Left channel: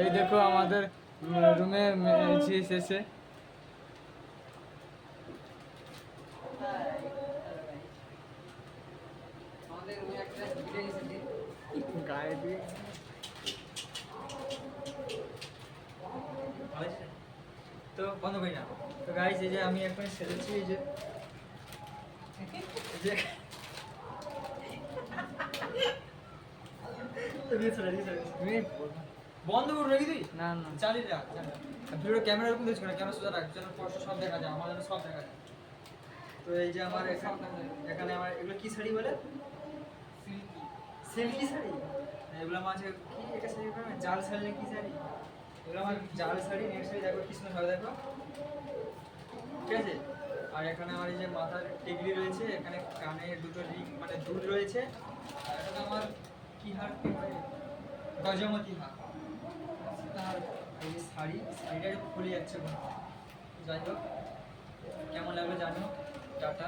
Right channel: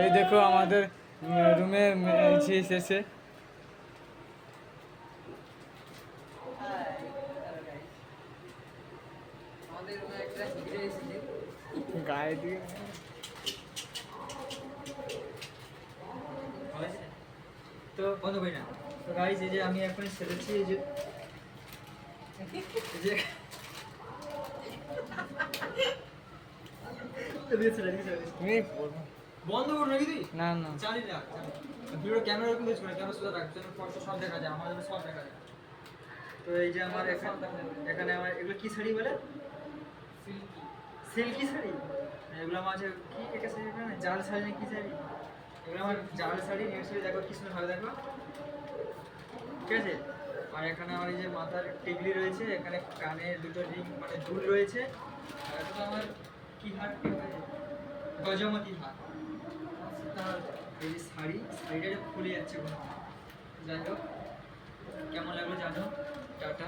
এই দেখো আমাদের রুমে এসেছে। গায়ে দিয়ে তো বন্ধ করি না। তো গাইস এই যে আমি এখন সেরেছি, এই যে বন্ধ করবো নাকি তুই? না না চালিয়ে রাখ। ভিডিও ক্যামেরা ওরকম দিচ্ছ না, ক্যামেরা সোজা রাখ যেন স্পষ্ট সব দেখা যায়, আমার যেন সব দেখা যায়। তো এই যে আমার এখানে আমার এগুলো কি শাড়ি বলে? সিল্কি শাড়ি। এগুলো আমার আছে কি, এটা শাড়ি বলে না, জাল শাড়ি না কি শাড়ি? এগুলো আমার জাল শাড়ি। নেক্সট দেখো কি সুন্দর হবে, দেখো ঠিক আছে। আর এখানে আমার এই যে মাথার টিকলি রয়েছে, এখানে কানে দুটো রিং মানে দুল রয়েছে। আর এখানে আমার কি হার, গজমতি হার। আর এই যে শাড়িটা খুলে যাচ্ছে কোনো। যাই হোক, কেমন লাগলো জানো। টাটা।